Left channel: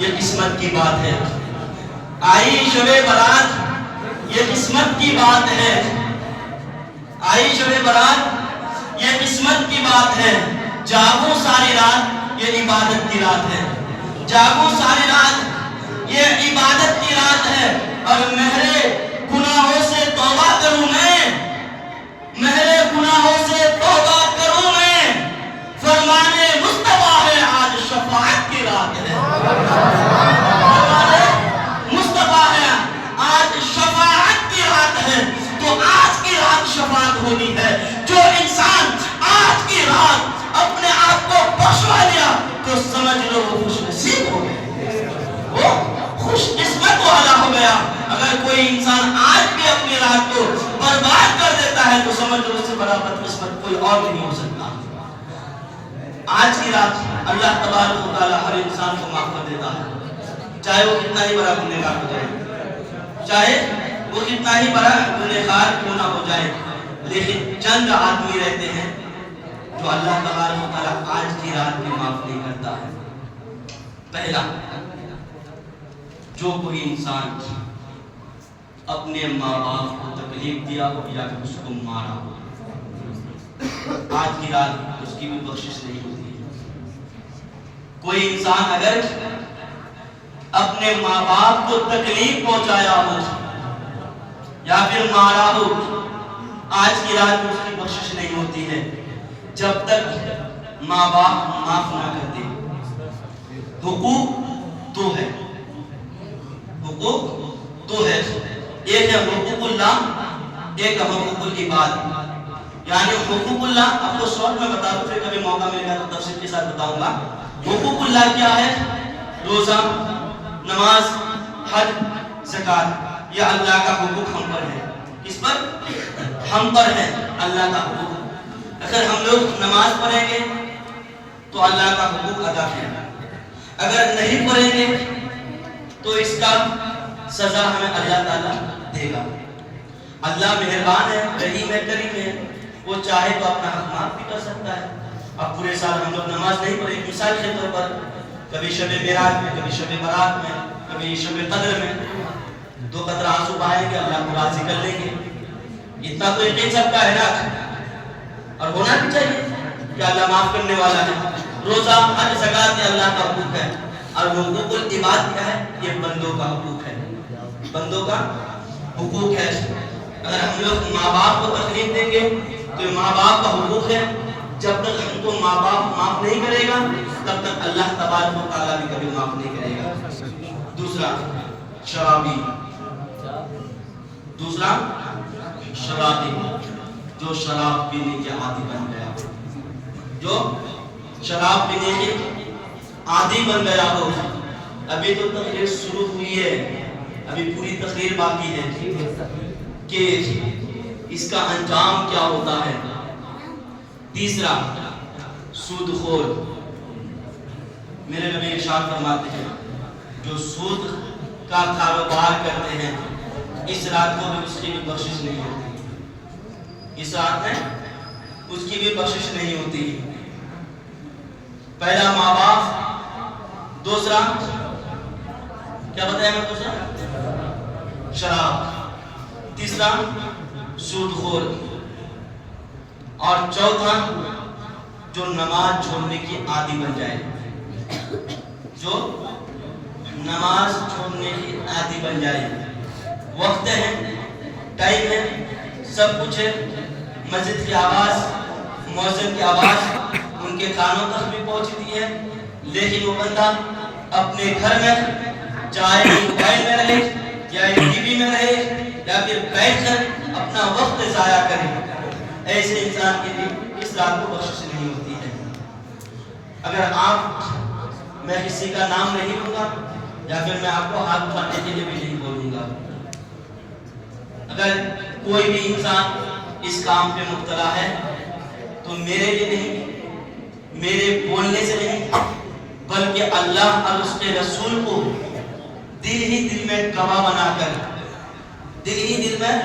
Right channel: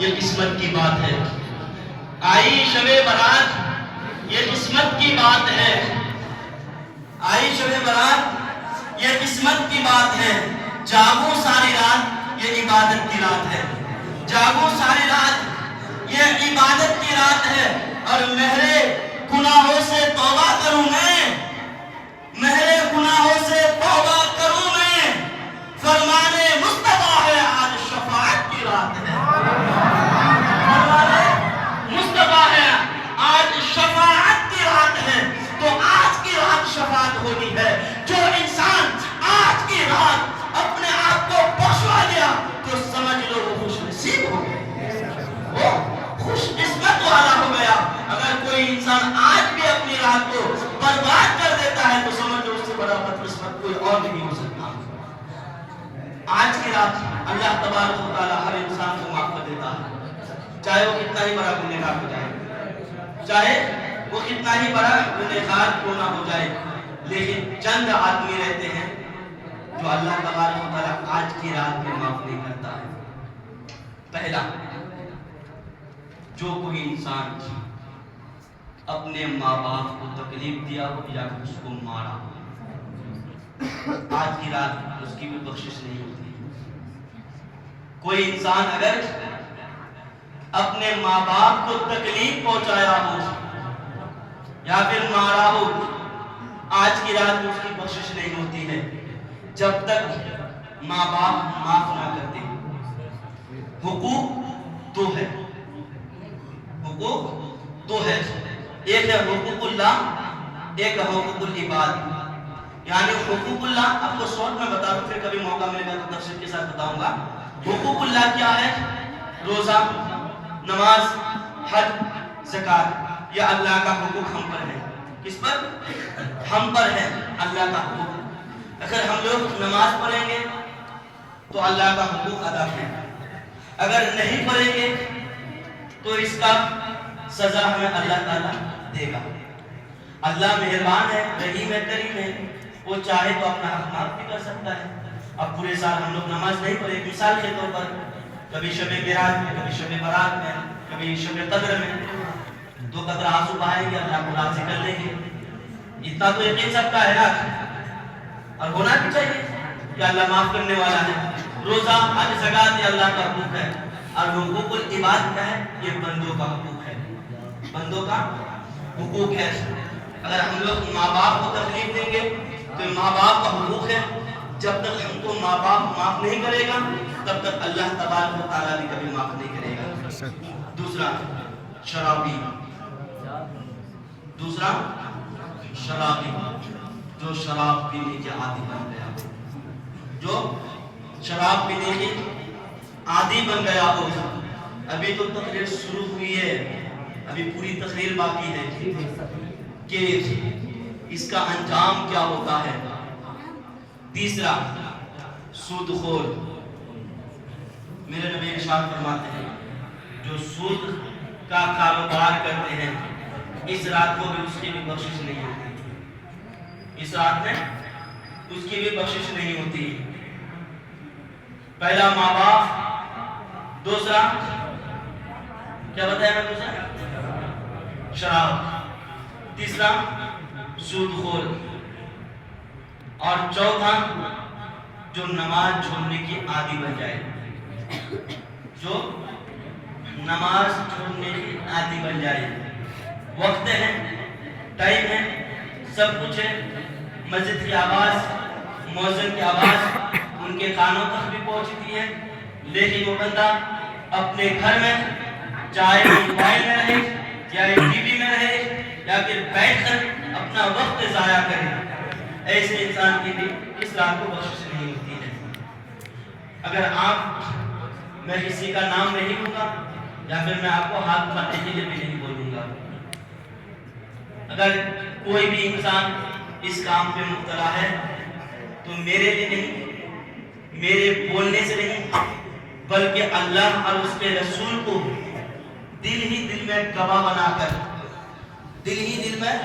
یہ قسمت کی بات ہے. آئی شب برات یہ قسمت کی بات ہے. آئی شب برات یہ قسمت کی بات ہے. جاگو ساری رات یہ عبادت کی رات ہے. جاگو ساری رات یہ عبادت کی رات ہے. اور مہرے گناہوں سے توبہ کروں میں, مہرے گناہوں سے توبہ کروں میں, فرمانے مصطفیٰ ہے آج شفاعت کی رات ہے. فرمانے مصطفیٰ ہے آج شفاعت کی رات ہے. تو آج کی رات شفاعت ہونی ہے. جو انسان آج کی رات اپنے آپ کو بخشوا لیا تو سمجھ لو وہ خوش نصیب ہو گیا, وہ خوش قسمت والا ہو گیا. اگر کوئی انسان آج بھی اپنی رات کو برباد کر دیتا ہے تو سمجھ لو اس سے بڑا بدقسمت کوئی اور نہیں ہو سکتا. آج کی رات اللہ تبارک و تعالی ہر انسان کو معاف کر دیتا ہے, چاہے وہ کتنا ہی بڑا گنہگار ہو جائے, چاہے وہ کتنا ہی بڑا گنہگار کیوں نہ ہو جائے. لیکن چند آدمی رہتے ہیں جو اللہ تبارک و تعالی آج کی رات میں معاف نہیں کرتا ہے. پہلا, جو کوئی انسان اپنے ماں باپ کو تکلیف دیا ہو یا اس کو مارا ہو, آج کی رات اس کی بھی بخشش نہیں ہوتی. کوئی انسان اگر اپنے ماں باپ کو تکلیف پہنچایا ہو یا پھر مارا ہو, آج کی رات اس کی بخشش نہیں ہوتی ہے جب تک ماں باپ معاف نہ کرتے. حقوق دو ہے, حقوق دو ہے. ایک ہے حقوق اللہ, ایک ہے حقوق العباد. یعنی حقوق اللہ آپ کو شارٹ میں بتا دوں, پھر کبھی موقع ملے گا تو تفصیل کے ساتھ بتاؤں گا. حقوق اللہ کیا ہے؟ روزہ, نماز, حج, زکات. یہ اللہ کا حقوق ہم پر ہے. کس پر؟ ہم پر ہے اللہ کا حقوق. اگر ہم لوگ نماز پڑھیں گے تو اللہ کا حقوق ادا کریں, اگر نہیں پڑھیں گے تو اس کا سزا ہمیں اللہ تعالیٰ دے گا. اللہ مہربان ہے, رحیم ہے, کریم ہے, وہ چاہے تو اپنا حق معاف بھی کر سکتا ہے. اب پورے سال ہم لوگ نماز نہیں پڑھیں, مثال کے طور پر کبھی شب معراج میں, کبھی شب برات میں, کبھی شب قدر میں 2 قطرہ آنسو بہائیں گے, اللہ کو راضی کر لیں گے. اتنا تو یقین سب کا ہے نا, اور ہونا بھی چاہیے کہ اللہ معاف کرنے والا ہے. روزہ, حج, زکات یہ اللہ کا حقوق ہے. اور حقوق العباد کیا ہے؟ یہ بندوں کا حقوق ہے, بندوں کا حقوق ہے. اگر ہم لوگ ماں باپ کو تکلیف دیں گے تو یہ ماں باپ کا حقوق ہے. جب تک ہم کو ماں باپ معاف نہیں کرے گا تب تک اللہ تبارک و تعالیٰ بھی کبھی معاف نہیں کرے گا. دوسرا شرابی, دوسرا شرابی, جو شراب پینے کے عادی بن گیا, جو شراب پینے کے عادی بن گیا ہو. ابھی تو تقریر شروع ہوئی ہے, ابھی پوری تقریر باقی ہے کہ اس کا انجام کیا ہوتا ہے. تیسرا سود خور. میرے نبی ارشاد فرماتے ہیں جو سود کا کاروبار کرتے ہیں اس رات کو بھی اس کی بھی بخشش نہیں ہوتی, اس رات میں اس کی بھی بخشش نہیں ہوتی. پہلا ماں باپ, دوسرا کیا بتایا میں دوسرا شراب, تیسرا سود خور, اور چوتھا جو نماز چھوڑنے کی عادی بن جائے, جو نماز چھوڑنے کی عادی بن جائے. وقت ہے, ٹائم ہے, سب کچھ ہے, مسجد کی آواز, مؤذن کی آواز ان کے کانوں تک بھی پہنچتی ہے, لیکن وہ بندہ اپنے گھر میں چاہے موبائل میں رہے یا ٹی وی میں رہے یا پھر بیٹھ کر اپنا وقت ضائع کرے. ایسے انسان کی بھی اس رات کو بخشش نہیں ہوتی ہے. اگر آپ, میں کسی کا نام نہیں لوں گا یا پھر میں آپ کو ہاتھ اٹھانے کے لیے بھی نہیں بولوں گا, اگر کوئی بھی انسان اس کام پہ مبتلا ہے تو میرے لیے نہیں, میرے بولنے سے نہیں, بلکہ اللہ اور اس کے رسول کو دل ہی دل میں گواہ بنا کر, دل ہی دل میں